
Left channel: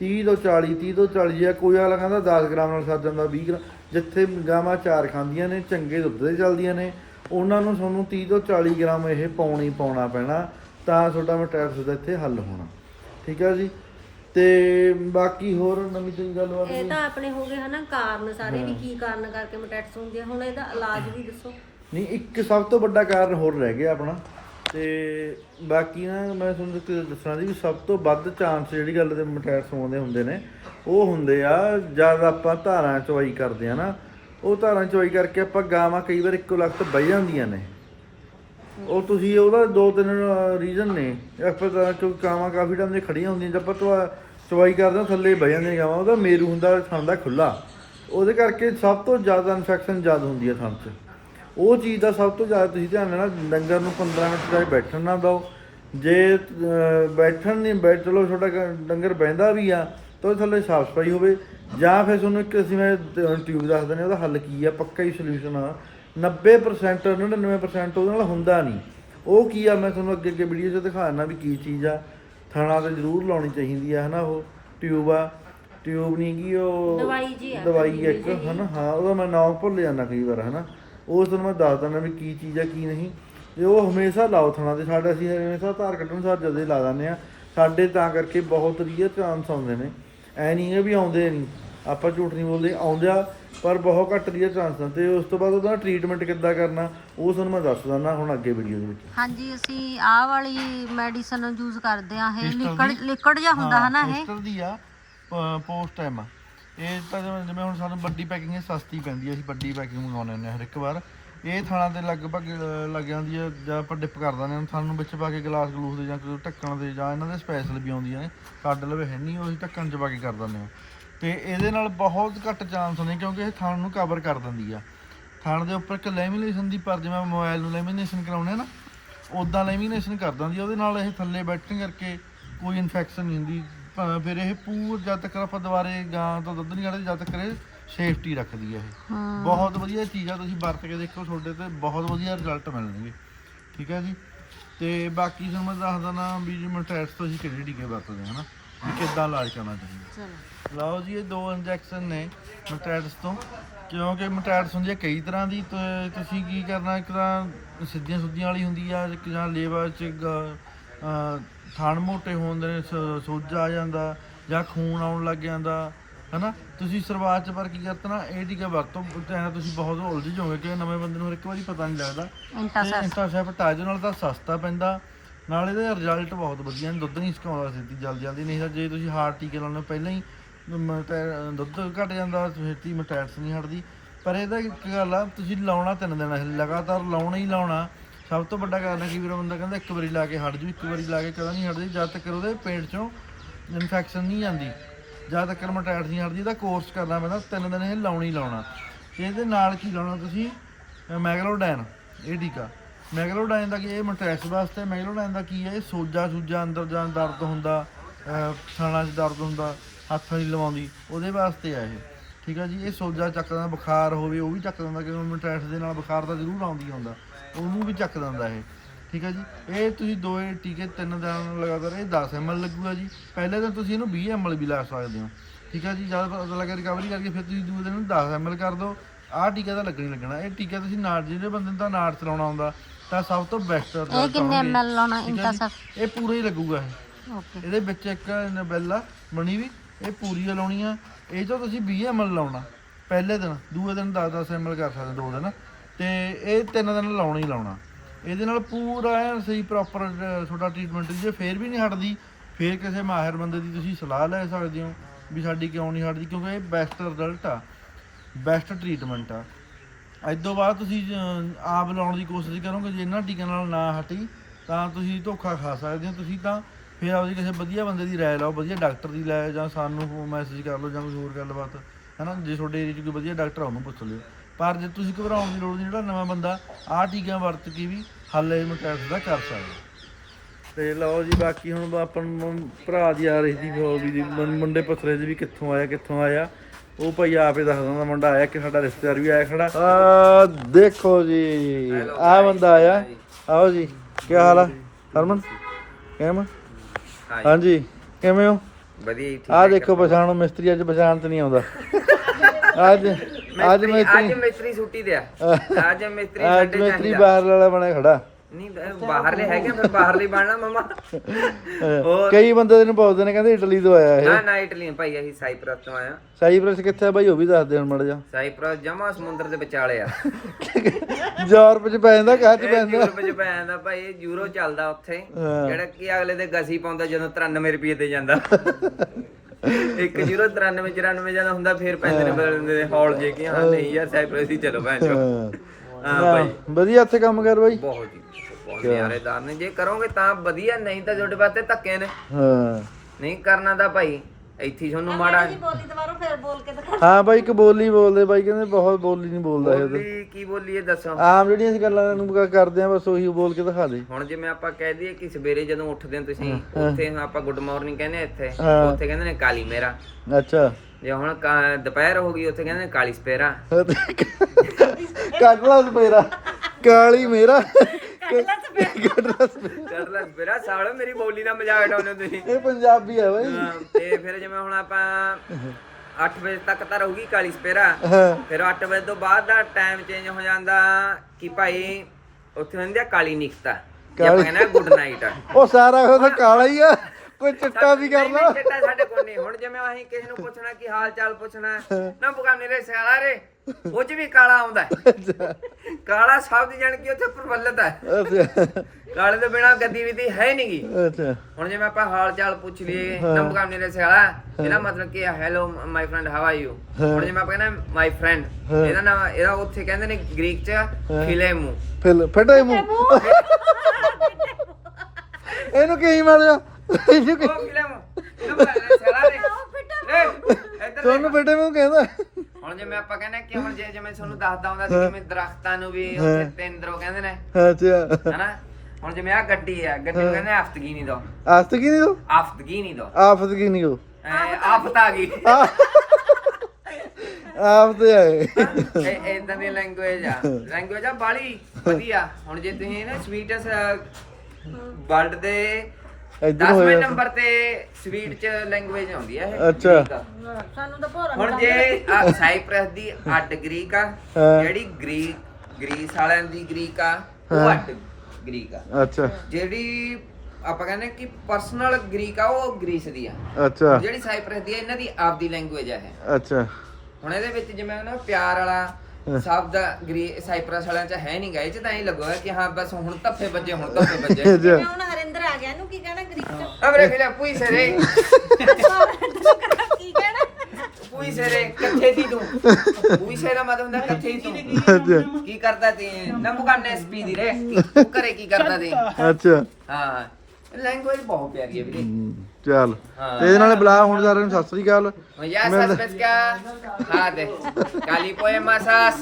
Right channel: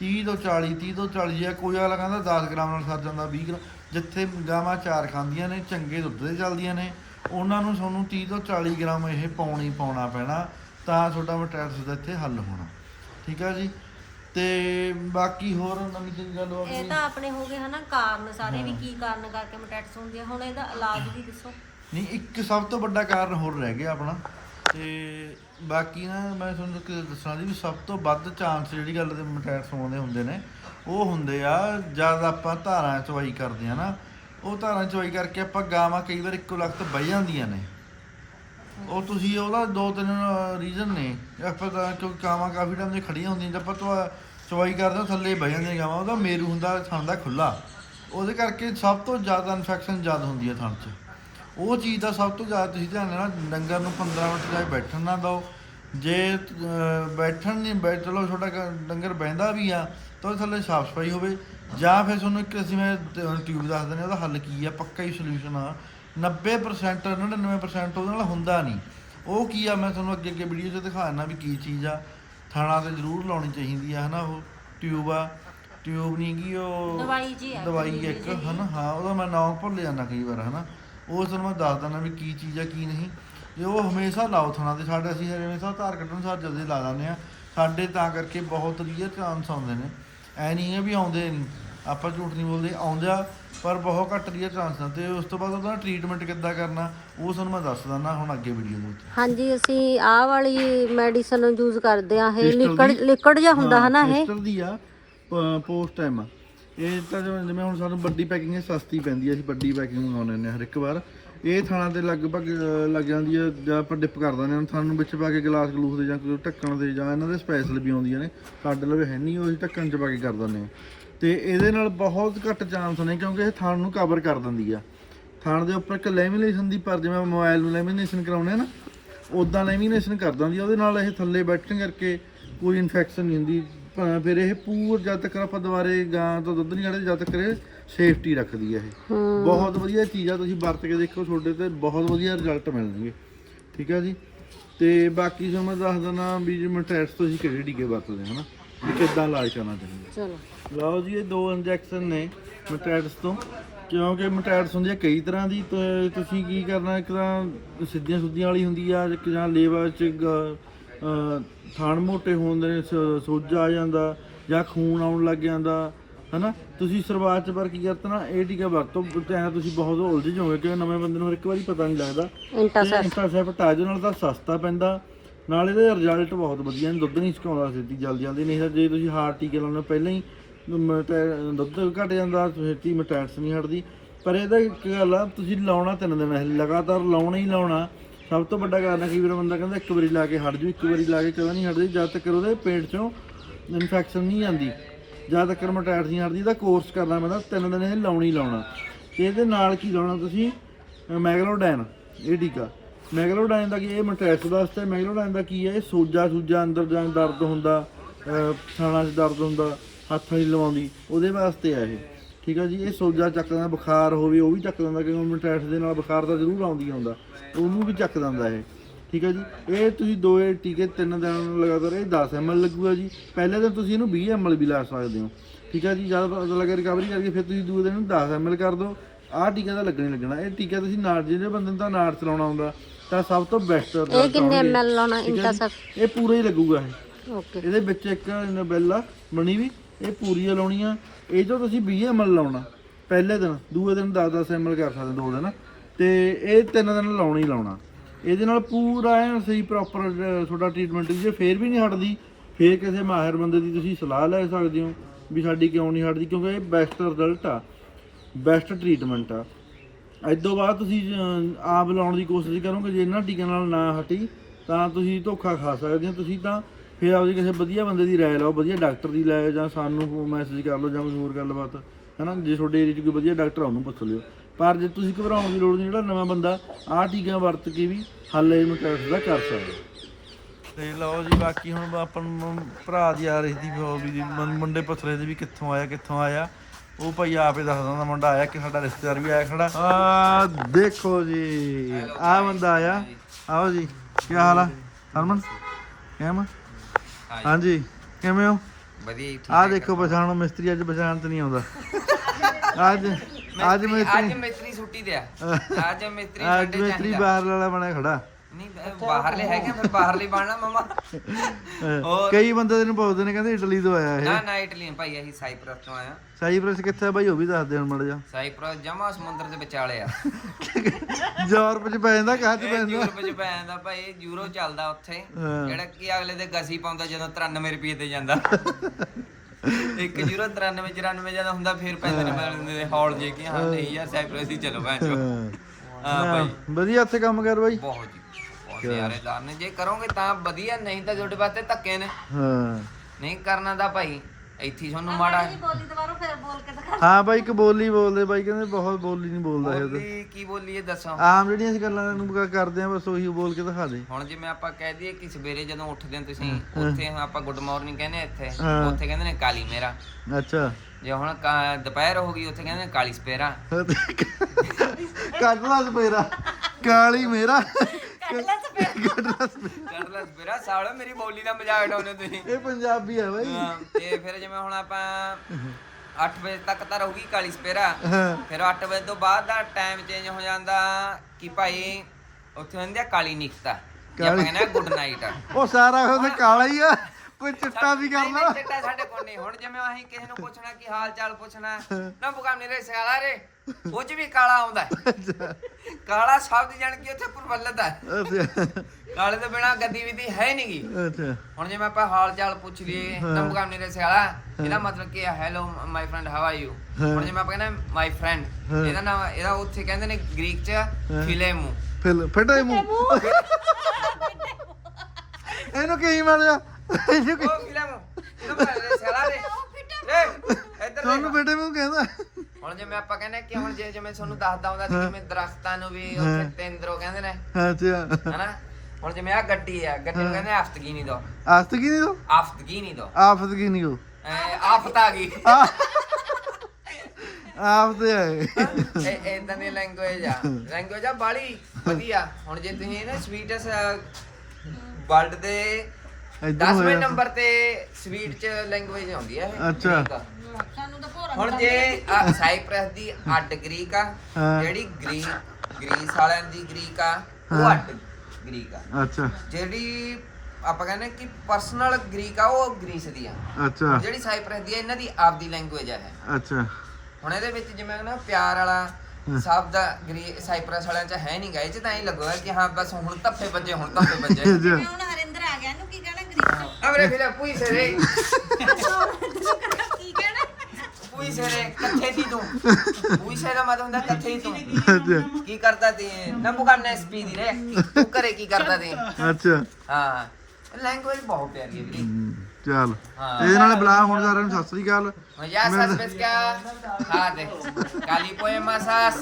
30 ਤੋਂ 40 30 ਤੋਂ 40 ਜਾਂ ਕੋਈ ਅਗਲਾ ਕਹਿੰਦਾ 10 ਗ੍ਰਾਮ ਨਾਲ ਸਰ ਜਾਂਦਾ 20 ਗ੍ਰਾਮ। ਜਿੱਥੇ ਗਾਵਾਂ ਚਾਰ ਖਾਂਦੀਆਂ ਨੇ ਚੰਗੇ ਦੁੱਧ ਦੇ ਚੱਲਦੀਆਂ ਨੇ ਉਹਨਾਂ ਨੂੰ ਤੁਹਾਨੂੰ 30 ਤੋਂ 40 ਗ੍ਰਾਮ ਇਹ ਪਾਉਣਾ ਹੀ ਪਾਉਣਾ ਪੈਣਾ ਤਾਂ ਤੁਹਾਡਾ ਮਟੈਰਸ ਦਾ ਇੱਥੇ ਹੱਲ ਹੋਣਾ। ਠੀਕ ਆ ਜੀ? ਤੇ ਬਾਕੀ ਹੋਰ ਨਵੀਂ ਚੀਜ਼ ਗੱਲਬਾਤ ਇਹ ਤਾਂ ਆਪਣੇ ਹੋ ਗਏ ਹਨਾ ਕਾਰਨ ਸਾਰੇ ਵੀ ਕੀ ਕਾਰਨ ਕਰਕੇ ਮਟੈਟਸ ਹੁੰਦੀ ਹੁਣ ਇਹਦਾ ਇਲਾਜ ਵੀ ਦੱਸੋ। ਨਹੀਂ ਇੱਕ ਸਭ ਤੋਂ ਵੱਡਾ ਕਾਰਨ ਹੋਰ ਰਹਿ ਗਿਆ ਆਪਣਾ ਤੇ ਬਾਕੀ ਨਾ ਮੈਂ ਤੁਹਾਨੂੰ ਦੱਸਣਾ ਵੀ ਸਭ ਤੋਂ ਵੱਧ ਚਾਂਸ ਜਿਹੜੀ ਗੱਲ ਦੇ ਮਟੈਰਸ ਹੋਣ ਦੇ ਹੁੰਦੇ ਨੇ ਉਹ ਹੁੰਦੇ ਆ, ਜਦ ਆਪਾਂ ਧਾਰਾਂ ਚਵਾਈ ਕਰਦੇ ਆ ਨਾ, ਉਹ ਧਾਰਾਂ ਚਵਾਈ ਕਰਕੇ ਆਪਾਂ ਗਾਵਾਂ ਕਈ ਵਾਰ ਇੱਕੋ ਲਖਤ ਬਹਿ ਜਾਂਦੀਆਂ ਨੇ। ਉਹ ਤੁਸੀਂ ਉਹਦਾ ਦੋ ਤਿੰਨ ਰੀਜ਼ਨ ਨੇ। ਆਪਾਂ ਤਾਂ ਕਿਉਂਕਿ ਗਾਵਾਂ ਕਾਫੀ ਟਾਈਮ ਦੇ ਖੜੀਆਂ ਹੁੰਦੀਆਂ, ਜਦ ਆਪਾਂ ਚਵਾ- ਚਵਾਈ ਕਰਦੇ ਹਾਂ ਥੱਲੇ ਬਹਿ ਜਾਂਦੀਆਂ ਗਾਵਾਂ, ਉਹਦਾ ਮੇਰੂ ਹੁੰਦਾ, ਥਣ ਦਾ ਖੁੱਲਾ ਉਹਦੇ ਕਰਕੇ ਸਭ ਤੋਂ ਜ਼ਿਆਦਾ ਇਨਫੈਕਸ਼ਨ ਜ਼ਿਆਦਾ ਹੁੰਦੀ ਹੈ ਥਣ 'ਚ। ਉਹ ਚੀਜ਼ ਦਾ ਸਭ ਤੋਂ ਜ਼ਿਆਦਾ ਤੁਸੀਂ ਧਿਆਨ ਦੇਣਾ, ਡੰਗਰ ਨੂੰ 15 ਮਿੰਟ ਜਾਏ ਬੈਠਣ ਨਾ ਦਿਓ। ਜੇ ਬੈਠਣ ਨਹੀਂ ਬੈਠ ਚਲੋ ਛੋਟਾ ਡੰਗਰ ਬਹਿੰਦਾ ਵੀ ਆ ਤਾਂ ਉਹਦੇ ਥੱਲੇ ਸਾਫ਼ ਸਫ਼ਾਈ ਹੋਵੇ ਜਾਂ ਫਿਰ ਤੁਹਾਨੂੰ ਇੱਕ ਅਸੀਂ ਮੈਂ ਟਿਊਬ ਦੱਸ ਦਿੰਦੇ ਉਹਦਾ ਹੱਲ ਕੀ ਆ ਪੱਕਾ ਹੀ ਸੋਲੂਸ਼ਨ ਆ। 90% 99% ਉਹਦੇ ਨਾਲ ਹੁੰਦਾ ਨਹੀਂ। ਉਹ ਕੀ ਆ ਮੈਂ ਤੁਹਾਨੂੰ ਅੱਗੇ ਅੱਗੇ ਵੀਡੀਓ 'ਚ ਦਿਖਾਣਾ ਵੀ ਕੀ ਚੀਜ਼ ਆ। ਥਾਣਾ ਤੇ ਜ਼ਰੂਰ ਲਾਉਣੀ ਚਾਹੀਦੀ ਆ ਹਨਾ ਉਹ ਟਿਊਬ ਆ। ਟਿਊਬ ਨਹੀਂ ਗੀ ਉਹ ਦਵਾਈ ਜੀ ਆ, ਦਵਾਈ ਇੱਕ ਹਨਾ ਹਾਂ ਉਹਦਾ ਮੈਂ ਨਾਮ ਭੁੱਲ ਜਾਂਦਾ ਕਈ ਵਾਰ ਹਨਾ। ਉਹ ਤੁਹਾਨੂੰ ਮੈਂ ਦੱਸ ਦਿੰਦਾ ਵੀ ਕੀ ਚੀਜ਼ ਆ ਕੀ ਨਹੀਂ। ਤੇ ਉਹ ਹਮੇਸ਼ਾ ਲਾਓ ਥਣਾ ਤੇ ਸਾਡੇ ਅਸੀਂ ਹਮੇਸ਼ਾ ਧਾਰ ਕੱਢਣ ਸਾਰ ਜਦੇ ਲਾ ਦਿੰਦੇ ਆ ਸਾਡੇ ਤਾਂ ਕਰਕੇ ਬਹੁਤ ਰੀਅਰ ਚਾਂਸ ਆਉਂਦੇ ਨੇ। ਐ ਨਹੀਂ ਹੈ ਵੀ ਆਉਂਦੇ ਨਹੀਂ ਆਪਾਂ ਝੂਠ ਨਹੀਂ ਬੋਲਦੇ ਆਉਂਦੇ ਆ ਪਰ ਬਹੁਤ ਘੱਟ ਰੀਅਰ ਚਾਂਸ ਤੇ ਉਸ ਤੋਂ ਬਾਅਦ ਉਹਦਾ ਟ੍ਰੀਟਮੈਂਟ ਕਿੱਦਾਂ ਕਰਨਾ ਉਹ ਤੁਹਾਨੂੰ ਮੈਂ ਦੱਸ ਦਿੰਦਾ ਹੁਣ ਅੱਗੇ ਵੀਡੀਓ ਦੇ ਵਿੱਚ। ਹਾਂਜੀ ਅਸੀਂ ਆਹ ਵਾਲੀ ਮੈਡੀਸਨ ਯੂਜ਼ ਕਰਦੇ ਆ ਇਹ ਦੀ? ਲਿਕਵਿਡ ਜਿਹਾ ਹੁੰਦਾ ਹਨਾ ਇਹ? ਕ੍ਰਿਸਟਲ ਦੀ ਆ ਪੋਸਟ ਟਾਈਮ ਇਹ ਤਾਂ ਜਿਵੇਂ ਜਿਵੇਂ ਹੁਣ ਸਾਨੂੰ ਵੱਡੀ ਪੈਕਿੰਗ ਸਸਤੀ ਪੈਂਦੀ ਆ ਅਸੀਂ ਵੱਡੀ ਪੈਕਿੰਗ ਮੰਗਾਉਂਦੇ ਨੇ ਹਰ ਇੱਕ ਵਾਰ। ਇਹ ਥਾਣਾ ਤੇ ਲਗਭਗ ਲੱਗ ਜਾਂਦੀ ਆ, ਜਾਂ ਆਪਾਂ ਡਿਪ ਕਰ ਦਿੰਦੇ ਨੇ ਸਾਨੂੰ ਵਿੱਚ ਪਾ ਕੇ ਗਲਾਸ ਗਲੂਸ ਦੇ ਜਾਂ ਕੋਈ ਢੱਕਣ ਦੇ ਜਾਂ ਇਹਨਾਂ ਦੇ ਸਪੈਸ਼ਲ ਵੀ ਆਉਂਦੀਆਂ ਨੇ, ਸਾਡੇ ਲਵੇ ਹੈ ਨਹੀਂ, ਉਹ ਅਸੀਂ ਢੱਕਣ ਚ ਪਾ ਕੇ ਕਰ ਦਿੰਦੇ ਆ ਤੇ ਇਹਦੇ ਨਾਲ ਬਹੁਤ ਘੱਟ ਚਾਂਸ ਨੇ, ਕਿਉਂਕਿ ਇਹ ਥਣ ਨੂੰ ਕਵਰ ਕਰ ਦਿੰਦੀ ਆ। ਥਣ ਦੇ ਉੱਪਰ ਇੱਕ ਲੈਮੀਨੇਸ਼ਨ ਦੀ, ਪਰ ਜਿਵੇਂ ਮੋਬਾਈਲ ਨੂੰ ਲੈਮੀਨੇਸ਼ਨ ਕਰਾਉਣੇ ਆ ਨਾ ਉਦਾਂ ਲੈਮੀਨੇਸ਼ਨ ਕਰ ਦਿੰਦੀ ਉਹਦੇ ਨਾਲ ਇਹ ਥੱਲੇ ਬੈਠਣ ਕਰਕੇ ਕੋਈ ਇਨਫੈਕਸ਼ਨ ਨਹੀਂ ਹੁੰਦੀ। ਫਿਰ ਇਹ ਪੂਰ ਜਦ ਤੱਕ ਆਪਾਂ ਦੁਬਾਰੇ ਗਾਂ ਤੋਂ ਦੁੱਧ ਨਹੀਂ ਕੱਢਦੇ, ਜਦ ਤੱਕ ਇਹ ਸੇਫਟੀ ਰੱਖਦੀ ਹੈ ਇਹ। ਬਹੁਤ ਵਧੀਆ ਚੀਜ਼ ਆ ਤੁਸੀਂ ਵਰਤ ਕੇ ਦੇਖੋ ਤੁਹਾਡੇ ਤੇ ਬਹੁਤ ਵਧੀਆ ਰਿਜ਼ਲਟ ਮਿਲਣਗੇ ਠੀਕ ਹੈ ਜੀ? ਤੇ ਬਾਕੀ ਤੁਹਾਨੂੰ ਮੈਂ ਦੱਸ ਦਿੰਦਾ ਵੀ ਜਿਵੇਂ ਟੈਸਟ ਤੁਸੀਂ ਕਿਹੜੇ ਟੀਕੇ ਵਰਤਦੇ ਹੋ ਨਾ ਵੀ ਕਿੱਦਾਂ ਇਲਾਜ ਕਰਨਾ ਚਾਹੀਦਾ। ਚਲੋ। ਲਓ ਜੀ ਇਹ ਦੋ ਇੰਜੈਕਸ਼ਨ ਨੇ ਮਟੈਟਸ ਤੋਂ। ਕਿਉਂਕਿ ਮਟੈਟਸ ਹੁੰਦੀ ਆ ਕਈ ਤਰ੍ਹਾਂ ਦੀ ਤੇ ਤੁਸੀਂ ਕੀ ਕਰਨਾ ਇੱਕ ਤਾਂ ਸਿੱਧੀਆਂ ਸੁੱਧੀਆਂ ਵਾਲੀ ਹੁੰਦੀ ਆ ਇੱਕ ਜਾਂ ਲੇਵਰ ਚ ਥਣ ਮੋਟੇ ਹੁੰਦੇ ਨੇ ਸੋਜਾ ਆ ਜਾਂਦਾ ਜਾਂ ਖੂਨ ਆਉਣ ਲੱਗ ਜਾਂਦਾ। ਹੈਨਾ? ਤੁਸੀਂ ਸ਼ੁਰੂਆਤ ਚ ਪਰ ਕੀ ਕਰਨਾ ਇਹ ਟੀਕਾ ਵਰਤੋ ਤੇ ਐਂ ਤੁਸੀਂ ਬਹੁਤ ਉਲਝ ਜਾਓਗੇ ਕਿ ਨਵੇਂ ਬੰਦੇ ਨੂੰ ਹਰ ਇੱਕ ਵਾਰੀ ਪਤਾ ਨਹੀਂ ਲੱਗਦਾ। ਇੰਟਾਸੈਪ ਇੰਟਰਸੈਪਟ ਤਾਜ ਨਾਲ ਤਾਂ ਸਸਤਾ ਪੈਂਦਾ। ਨਾਲ ਇਹਦੇ ਰਿਜ਼ਲਟ ਬਹੁਤ ਵਧੀਆ ਨੇ ਦੁੱਧ ਨਹੀਂ ਸੁਕਾਉਂਦਾ ਸਿੱਧੀ ਜਲਦੀ ਜਾਂਦੀ ਨਹੀਂ ਜੇ ਤੁਸੀਂ ਹਾਰਟ ਟੀਕੇ ਲਾਉਣਾ ਪਹਿਲਾਂ ਹੀ ਦੁੱਧ ਘਟ ਜਾਂਦਾ ਛੇਤੀ ਮਟੈਟਸ ਨਹੀਂ ਹਟਦੀ। ਪਰ ਇਹਦਾ ਇੱਕ ਗੱਲ ਆ ਤੁਸੀਂ ਲਾਉਣਾ ਤਿੰਨ ਦਿਨ ਹੈ ਲਗਾਤਾਰ ਲਾਉਣਾ ਹੀ ਲਾਉਣਾ। ਸਭ ਤੋਂ ਵੱਡਾ ਕਾਰਨ ਹੈ ਕਈ ਵਾਰ ਬੰਦਾ ਕਹਿੰਦਾ ਇੱਕ ਵਾਰੀ ਲਾ ਕੇ ਹਟ ਜੂ ਇੱਕ ਵਾਰੀ ਲਾ ਕੇ ਕਦੇ ਨਹੀਂ ਹਟਦੀ ਜਦ ਤੱਕ ਉਹਦੇ ਪੇਟ ਚੋਂ ਇਨਫੈਕਸ਼ਨ ਨਹੀਂ ਜਾਂਦੀ ਜਦ ਤੱਕ ਮਟੈਟਸ ਨਹੀਂ ਹਟਦੀ, ਤਾਂ ਕੋਰਸ ਕਰਨਾ ਪੈਂਦਾ ਤਿੰਨ ਦਿਨ ਇਹ ਲਾਉਣੀ ਲਾਉਣਾ। ਤੇ ਇਹਦੇ ਨਾਲ ਕੀ ਲਾਉਣਾ ਤੁਸੀਂ? ਮੈਗਲੋਡੈਨ, ਇਹ ਟੀਕਾ ਮੈਗਲੋਡਾਈਨ ਦਾ ਕੀ ਇਹ ਮਟੈਸ ਵਾਸਤੇ ਮੈਗਲੋਡਾਈਨ ਦਾ ਕੀ ਹੈ ਇਹ ਸੋਜਾ ਸੂਜਾ ਅੰਦਰ ਜਾਂ ਦਰਦ ਹੁੰਦਾ, ਅਹ 'ਚ ਦਰਦ ਹੁੰਦਾ, ਹੱਥ ਨਹੀਂ ਲਵਾਉਂਦੀ, ਉਹਦੇ ਵਾਸਤੇ ਆ ਇਹ। ਠੀਕ ਹੈ ਜੀ? ਇਹ ਸੋਜਾ ਚੱਕ ਦਿੰਦਾ, ਬੁਖਾਰ ਹੋਵੇ, ਉਹ ਵੀ ਚੱਕ ਦਿੰਦਾ, ਕਿਉਂਕਿ ਮਟੈਸ ਦੇ ਨਾਲ ਬੁਖਾਰ ਤਾਂ ਜ਼ਰੂਰ ਆਉਂਦੀ ਹੁੰਦਾ। ਉਹਨੂੰ ਵੀ ਚੱਕ ਦਿੰਦਾ ਇਹ। ਠੀਕ ਹੈ ਜੀ? ਇਹ ਤੁਸੀਂ ਦੋ ਟੀਕੇ ਤਿੰਨ ਦਿਨ ਲਗਾਤਾਰ ਇਹ 10 ml ਲੱਗੂਗਾ ਜੀ। ਪਹਿਲੇ ਦਿਨ ਤੁਸੀਂ ਇਹਨੂੰ 20 ml ਵੀ ਲਾ ਸਕਦੇ ਹੋ। ਠੀਕ ਹੈ ਜੀ? ਜਦ ਪਤਾ ਲੱਗੇ ਰਿਕਵਰੀ ਕਰਕੇ ਫਿਰ ਤੁਸੀਂ ਦੂਜੇ ਦਿਨ ਨੂੰ 10 ml ਕਰ ਦਿਓ। ਆਹ ਟੀਕਾ ਤਾਂ ਲੱਗਣਾ ਲੱਗਣਾ। ਇਹ ਟੀਕਾ ਤੁਸੀਂ ਨਾੜ ਜਿਹੜੇ ਬੰਦੇ ਨੂੰ ਤਾਂ ਨਾੜ ਚਲਾਉਣਾ ਆਉਂਦਾ ਤਾਂ ਸਭ ਤੋਂ ਬੈਸਟ ਇਹ ਕਿੰਨੇ ਐਮਐਲ ਲਾਉਣਾ ਇੰਟਾਸਫ ਇਹ ਪੂਰਾ ਹੀ ਲੱਗੂਗਾ ਇਹ। ਓਕੇ ਇਹਦੇ ਵਿੱਚ ਇੱਕ ਨਬੈਲ ਆ ਬਣੀ ਵੀ ਇਹ ਪੂਰੀ ਆ ਲਾਉਣੀ ਆ। ਇਹ ਤੋਂ ਤੁਸੀਂ 20 ml ਲਾਉਣਾ। ਪਹਿਲੇ ਦਿਨ ਦੂਏ ਦਿਨ 10 10 ml ਕਰ ਸਕਦੇ ਦੋ ਦਿਨ। ਤੇ ਇਹ ਤਿੰਨ ਦਿਨ ਲਾਉਣਾ ਹੀ ਲਾਉਣਾ। ਇਹਦੇ ਨਾਲ ਪੂਰਾ ਐਨ ਸਹੀ ਪ੍ਰੋਪਰ ਤੁਹਾਡਾ ਟ੍ਰੀਟਮੈਂਟ ਜੇ ਫੇਰ ਵੀ ਨਹੀਂ ਹਟਦੀ। ਫੇਰ ਕਿਸੇ ਮਾਹਿਰ ਬੰਦੇ ਦੀ ਤੁਸੀਂ ਸਲਾਹ ਲੈ ਸਕਦੇ ਹੋ ਵੀ ਸਾਡੀ ਕਿਉਂ ਨਹੀਂ ਹਟਦੀ, ਕਿਉਂਕਿ ਇਹ ਬੈਸਟ ਰਿਜ਼ਲਟ ਆ ਬੈਸਟ ਟ੍ਰੀਟਮੈਂਟ ਆ। ਅੱਜ ਤੋਂ ਬਾਅਦ ਤੁਸੀਂ ਆਪ ਲਾਉਣ ਦੀ ਕੋਸ਼ਿਸ਼ ਕਰੋਗੇ, ਜੇ ਇਹਨਾਂ ਟੀਕਿਆਂ ਨਾਲ ਨਾ ਹਟੀ, ਤਾਂ ਤੁਸੀਂ ਧੋਖਾ ਖਾ ਸਕਦੇ ਹੋ। ਤੁਸੀਂ ਤਾਂ ਫਿਰ ਆਪਦੀ ਕਿਸੇ ਵਧੀਆ ਬੰਦੇ ਦੀ ਰਾਏ ਲਓ, ਵਧੀਆ ਡਾਕਟਰ ਦੀ ਲੈ ਜਾਂ ਸਾਨੂੰ ਮੈਸੇਜ ਕਰ ਲਓ ਜਾਂ ਕੋਈ ਹੋਰ ਗੱਲਬਾਤ ਹੈ ਨਾ ਜੇ ਤੁਹਾਡੇ ਏਰੀਆ 'ਚ ਕੋਈ ਵਧੀਆ ਡਾਕਟਰ ਆ, ਉਹਨੂੰ ਪੁੱਛ ਲਿਓ। ਪਰ ਜੇ ਤੁਸੀਂ ਘਬਰਾਉਣ ਦੀ ਲੋੜ ਨਹੀਂ ਜਿਹੜਾ ਨਵਾਂ ਬੰਦਾ ਆਹ ਟੀਕਿਆਂ ਵਰਤ ਕੇ ਵੀ ਹੱਲ ਇਹਨੂੰ ਟੈਸਟ ਦਾ ਕਰ ਸਕਦਾ। ਤੇ ਲਓ ਜੀ ਬਾਕੀ ਹੁਣ ਆਪਾਂ ਨੂੰ ਭਰਾ ਦੀ ਆ ਰਹੀ ਸੀ ਵੀ ਦੀ ਮੁੰਡੇ ਰਹੇ ਸੀ ਵੀ ਕਿੱਥੋਂ ਆਇਆ ਕਿੱਥੋਂ ਆਇਆ। ਉਹ ਭਾਈ ਆਪੇ ਦੱਸ ਦਿੰਦਾ ਮੁੰਡਾ ਆਇਆ ਕਿ ਸਾਡਾ ਰਿਸ਼ਤੇਦਾਰ ਵੀ ਆਇਆ ਖੜਾ। ਆ ਦੇਖੋ ਜੀ ਆ ਬੰਦਾ ਆਇਆ। ਆਓ ਜੀ ਕੀ ਹਾਲ ਆ? ਹਰਮਨ? ਕਿਵੇਂ ਹਾਂਜੀ। ਕਿਵੇਂ ਹੋ? ਵਧੀਆ ਆ। ਦੇਖੋ ਪਛਾਣੋ ਮਿਸਤਰੀ ਅੱਜ ਪਛਾਣ ਤੇ ਨਹੀਂ ਆਉਂਦਾ। ਅੱਜ ਅੱਜ ਮਿਸਤਰੀ ਅੱਜ ਮਿਸਤਰੀ ਛੁੱਟੀ ਤੇ ਆ ਅੱਜ ਮਿਸਤਰੀ ਅੱਜ ਮਿਸਤਰੀ। ਬਾਹਰ ਵਾਲਾ ਬਣਿਆ ਖੜਾ। ਨਹੀਂ ਬਾਹਰਲੇ ਹੈਗੇ ਫਿਰ ਬਾਹਰਲੇ ਬਣਨਾ ਮਮਾ? ਕਈ ਬੰਦੇ ਨੂੰ ਪੁੱਛਦੇ ਨੇ ਕਹਿੰਦੇ ਇਟਲੀ ਤੋਂ ਆਇਆ ਇਹ। ਨਾ ਨਾ ਇਟਲੀ ਭਾਈ ਅਸੀਂ ਸਾਈਪ੍ਰਸ ਤੋਂ ਆਇਆ ਸਾਈਪ੍ਰਸ ਕਿੱਥੇ ਆ ਬਾਈ ਉਹ ਵੀ ਦੱਸ ਦੇ ਹੁਣ ਮੜ ਜਾ ਸਾਈਪ੍ਰਸ ਜਮਾ ਸਮੁੰਦਰ ਦੇ ਵਿਚਾਲੇ ਆ। ਯੂਰਪ ਚ ਪੈ ਜਾਂਦਾ ਕਾਹ ਚ ਇਹ ਪੈਂਦਾ ਯੂਰਪ ਚ ਪੈ ਜਾਂਦਾ ਭਾਈ ਇਹ ਯੂਰੋ ਚੱਲਦਾ ਉੱਥੇ। ਜਿਹੜਾ ਕਿ ਅਗਲੇ ਦੇ ਗਸੀ ਪਾਉਂਦਾ ਜਦੋਂ 93 ਰੁਪਏ ਤੇ ਜਾਂਦਾ। ਇੱਕ ਯੂਰੋ 93 94 ਜਾਂਦਾ ਹੁੰਦਾ ਫਿਰ ਪੈਂਦੇ ਨੇ ਬੰਦੇ ਦੇ ਹੌਲ ਜੇ ਕਿ ਹਾਂ ਨਹੀਂ ਯਾਰ ਸਾਈਪ੍ਰਸ ਹੀ ਚਲੋ ਭੈਣ ਚੋ ਹਾਂ। ਹਾਂ, ਭਾਈ। ਵਧੀਆ ਇੱਥੇ ਕੰਮ ਕਰ ਬਾਈ। ਬਹੁਤ ਬਹੁਤ ਯਾਰੇਦਾਰ ਨੇ ਜੇ ਕਰੋਗੇ ਤਾਂ ਵਧੀਆ ਨਹੀਂ ਤਾਂ ਤੁਹਾਡੇ ਵਾਸਤੇ ਧੱਕੇ ਨੇ। ਹਾਂ। ਨਹੀਂ ਕਰਨਾ ਤਾਂ ਭਾਈ ਇੱਥੇ ਹੀ ਤੁਹਾਨੂੰ ਮਾੜਾ ਬੋਲੀ ਦੁਬਾਰਾ ਫੇਰ ਬੋਲ ਕੇ ਦਿਖਾ ਹਾਂ ਬਾਈ ਇੱਕ ਬੋਲੀ ਬੋਲਦੇ ਬਾਈ ਕਹਿੰਦੇ ਬਹੁਤ ਬੋਲੀ ਨਹੀਂ ਬੋਲਦਾ ਇਹ ਉਹਦੇ ਬੋਲੀ ਕੀ ਬੋਲੀਏ ਦੱਸੋ? ਆਮ ਜਿਹੜੀਆਂ ਅਸੀਂ ਗੱਲਾਂ ਨੂੰ ਕ- ਕਰਦੇ ਆ ਬਸ ਉਹੀ ਬੋਲ ਕੇ ਦਿਖਾ ਦੇ। ਹੁਣ ਜਿਵੇਂ ਆਪਾਂ ਕਹਿ ਦਈਏ ਕਿ ਸਵੇਰੇ ਜਦੋਂ ਉੱਠਦੇ ਹੋ ਤੁਸੀਂ ਉੱਥੇ ਆਪਾਂ ਗੁੱਡ ਮਾਰਨਿੰਗ ਕਹਿੰਦੇ ਆ ਇੱਥੇ। ਹਾਂ। ਉੱਥੇ ਕਹਿੰਦੇ ਨੇ ਕਾਲੀ ਮੇਰਾ। ਅੱਛਾ। ਜੇ ਹੁਣ ਕਾ- ਦੁਪਹਿਰ ਹੋ ਗਈ ਉੱਥੇ ਕਹਿੰਦੇ ਨੇ ਕਾਲੀ ਸਪੇਰਾ। ਕੱਢ ਲਾ ਸਪੇਰਾ। ਕਾਲੀ ਮੇਰਾ। ਕੱਢ ਲਾ ਸਪੇਰਾ ਕਰ ਲੈ ਸਪੇਰਾ ਸਾਲੋ ਮੇਰੀ ਬੋਲੀ ਦਾ ਮਜ਼ਾਕ ਉਡਾਉਂਦੇ ਤੁਸੀਂ। ਇਹ ਪੰਜਾਬੀ ਆ ਬਾਈ। ਹਾਂ, ਤੇ ਫਿਰ ਜਿਵੇਂ ਹੁਣ ਆਪਾਂ 8 ਵਜੇ ਤੱਕ ਤਾਂ ਰਹੂਗੀ ਕਾਲੀ ਸਪੇਰਾ ਹਾਂ। ਫਿਰ 8 ਵਜੇ ਤੋਂ ਬਾਅਦ ਦਾ ਟਾਈਮ ਚੇਂਜ ਹੋ ਜਾਂਦਾ ਕਿ ਭਾਈ ਉੱਥੇ ਹੁੰਦੀ ਆ ਕਾਲੀ ਨਿਕਤਾ ਜੇ ਆਪਾਂ ਕਹਿੰਦੇ ਗੁੱਡ ਨਾਈਟ ਉਹ ਸਾਰਾ ਉਹ ਕਾਲਾ ਹੀ ਆ। ਕੋਈ ਚਿੱਟਾ ਵੀ ਕਰ ਲਾ ਚਿੱਟਾ ਸਾਡੇ ਕੋਲ ਨਹੀਂ। ਹੁਣ ਜਿਵੇਂ ਅਸੀਂ ਕਿਸੇ ਨੂੰ ਪੁੱਛਣਾ ਕਿ ਹਾਲ ਚਾਲ ਪੁੱਛਣਾ ਨਾ ਬੁਗਾਮੀ ਰੇ ਸਿਆਲਾ ਰੇ ਉਹ ਚ ਵੀ ਕਾਲਾ ਆਉਂਦਾ। ਕਾਲਾ ਸ਼ਬਦ ਜਾਣ ਕੇ ਉੱਥੇ ਪ੍ਰਬਲਤ ਹੈ। ਕਾਲੇ ਤੋਂ ਬਿਨਾ ਗੱਦੀ ਵਿਧੀ ਹੈ ਨਹੀਂ ਗੀ ਅੱਛਾ। ਹੁਣ ਜਿਵੇਂ ਆਪਾਂ ਹਾਲ ਚਾਲ ਪੁੱਛ ਲਈਏ ਨਾ ਬੁਗਾਮੀ ਰੇ ਸਿਆਲਾ ਇਹਦਾ ਮਤਲਬ ਕੀ ਹੈ hello my friend how are you ਹੁਣ ਜਿਵੇਂ ਆਪਾਂ ਕਹਿੰਦੇ ਮਾਈ ਫਰੈਂਡ ਇਹਦਾ ਨਾਮ ਇਹਦਾ ਉੱਥੇ ਕਹਿੰਦੇ ਨੇ ਗ੍ਰੀਕ ਚ ਫਿਲੇਮੂ ਫਿਲ ਇਹਨੂੰ ਕੀ ਮਾਰਿਆ ਉਹ ਫਿਲੇਮੂ ਇਹਨੂੰ ਇੱਧਰ ਦੇਖ। ਤੁਹਾਨੂੰ ਫਟੇ ਮੂੰਹ ਕਹਿੰਦਾ। ਹੁਣ ਜਿਵੇਂ ਆਪਾਂ ਕਹਿੰਦੇ ਕਿ ਹੁਣ ਜੇ ਜਿਵੇਂ ਤੁਹਾਨੂੰ ਦੱਸਦਾ ਹੁੰਦਾ ਸੀ ਕਿਵੇਂ ਦਰਖਤਾਂ ਨੂੰ ਵੀ ਉੱਥੇ ਤੇਂਦਰੋ ਕਹਿੰਦੇ ਨੇ। ਅੱਛਾ। ਹਨਾ? ਹੁਣ ਜਿਵੇਂ ਆ ਗੱਡੀ ਆ ਗੱਡੀ ਨੂੰ ਕਹਿੰਦੇ ਆਫਤਗੀ ਨਹੀਂ ਦੋ ਆਫਤ ਕੀ ਨਹੀਂ ਦੋ। ਆਫਤਗੀ ਨਹੀਂ ਦੋ? ਆਫਤ ਕੀ ਨਹੀਂ ਹੋ ਐ ਆਫਤ ਆ ਗਈ। ਆਫਤ ਆਏ ਇਹ ਇਦਾਂ ਦੀ ਲੈਂਗੁਏਜ ਆ। ਲੈਂਗੁਏਜ ਆ ਬਾਲੀ ਵਧੀਆ। ਹੁਣ ਜੇ ਤੁਸੀਂ ਨਾ ਸਵੀਟਸ ਵਰਲਡ ਦੇ ਇੱਧਰ 10ਵੇਂ ਹੋਇਆ ਨੰਬਰ ਤੇ ਸਵੀਟ ਚ ਲੈਂਗੁਏਜ ਆਉਂਦੀ ਆ ਇਹ। ਅੱਛਾ। ਆ। ਸਾਨੂੰ ਤਾਂ ਭੋਰਾ ਹੁਣ ਜੇ ਸਾਈਪ੍ਰਸ ਦੀ ਅੱਡ ਗ੍ਰੀਕ ਆ ਹਾਂ। ਜਿਹੜੀ ਗ੍ਰੀਕ ਗ੍ਰੀਸ ਵਾਲਿਆਂ ਦੀ ਗ੍ਰੀਕ ਆ ਉਹ ਅੱਡ ਗ੍ਰੀਕ ਆ। ਅੱਛਾ। ਜਿਹੜੀ ਆਪਾਂ ਕਹਿੰਦੇ ਕਿ ਪਰਸਨਲ ਗ੍ਰੀਕ ਆ ਉਹ ਗ੍ਰੀਸ ਦੀ ਆ। ਅੱਛਾ। ਜਿਹੜੀ ਸਾਈਪ੍ਰਸ ਦੀ ਆ ਇਹਨਾਂ ਦੀ ਆਪਦੀ ਲੈਂਗੁਏਜ ਆ ਇਹ। ਅੱਛਾ। ਹੁਣ ਇਹਦੇ ਵਿੱਚ ਜਿਵੇਂ ਨਾ ਪਿਆਰ ਵਾਲਾ ਸ਼ਬਦ ਗ੍ਰੀ ਸਾਈਪ੍ਰਸ ਵਾਲਿਆਂ ਚ ਹੈ ਨਹੀਂ ਗਾ ਇਹ ਚ ਤਾਂ ਹੀ ਲੱਗੂਗਾ ਕਿ ਹਾਂ ਬਸ ਹੁਣ ਧੱਫੇ ਵੱਜੇ ਹੁਣ ਧੱਫੇ ਵੱਜੇ। ਅੱਛਾ। ਹੁਣ ਇਹਨੂੰ ਕੀ ਕਹਿਣਾ ਚ ਅਬਰੇ ਵੀਰਾ ਪੂਈ ਸਰੇ। ਕੀ ਕਹਿਣਾ? ਪੂਈ ਸਰੇ ਕੱਥੇ ਸੀ ਤੂੰ। ਪੂਈ ਸਰੇ ਦਾ ਮਤਲਬ ਹੁੰਦਾ ਕੱਥੇ ਹੀ ਤੂੰ। ਅੱਛਾ। ਕੀ ਕਰਦਾ ਤੇ? ਨਾ ਮੁਕਾਨਾ ਐਸਪੀ ਦੀ ਰੇ। ਤੂੰ ਘਰੇ ਕੀ ਕਰਦਾ ਤੇ? ਅੱਛਾ। ਹਾਂ ਲੈਂਗੁਏਜ ਬਹੁਤ ਪਿਆਰੀ ਹੈ ਵੀਰੇ। ਹਮ, ਚੱਲ। ਹਾਂ। ਤੇ ਇਹਦੇ ਨਾਲ ਬੁਲਾ ਹੁਣ ਸਾਰਿਆਂ ਨੂੰ ਸਤਿ ਸ੍ਰੀ ਅਕਾਲ। Ya sabes que... Jade. Calipo de masas.